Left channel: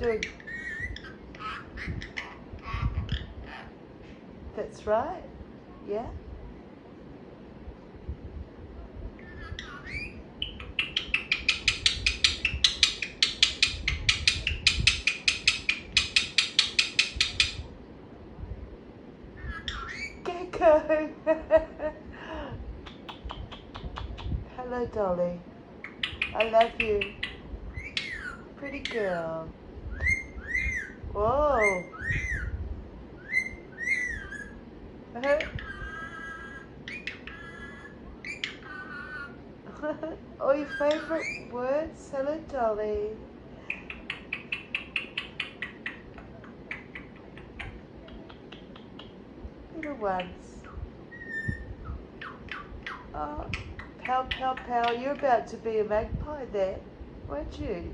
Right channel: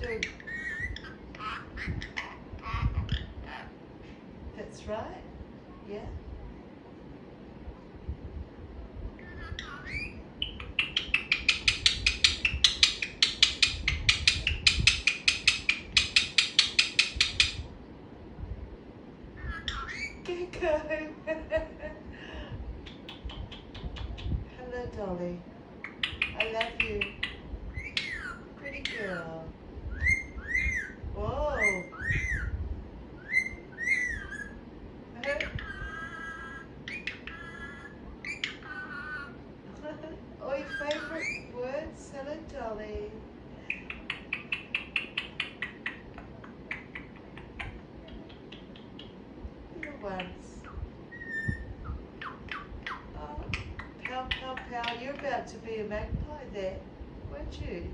doing? That's right. Yeah. Gecko. Hello, Dolly. I love you. Pretty girl. Whoa. Oh, your favourite words? Hello, Dolly. Little ones. Oh, pow, pow, pow. You're about to be a magpie there, weren't you?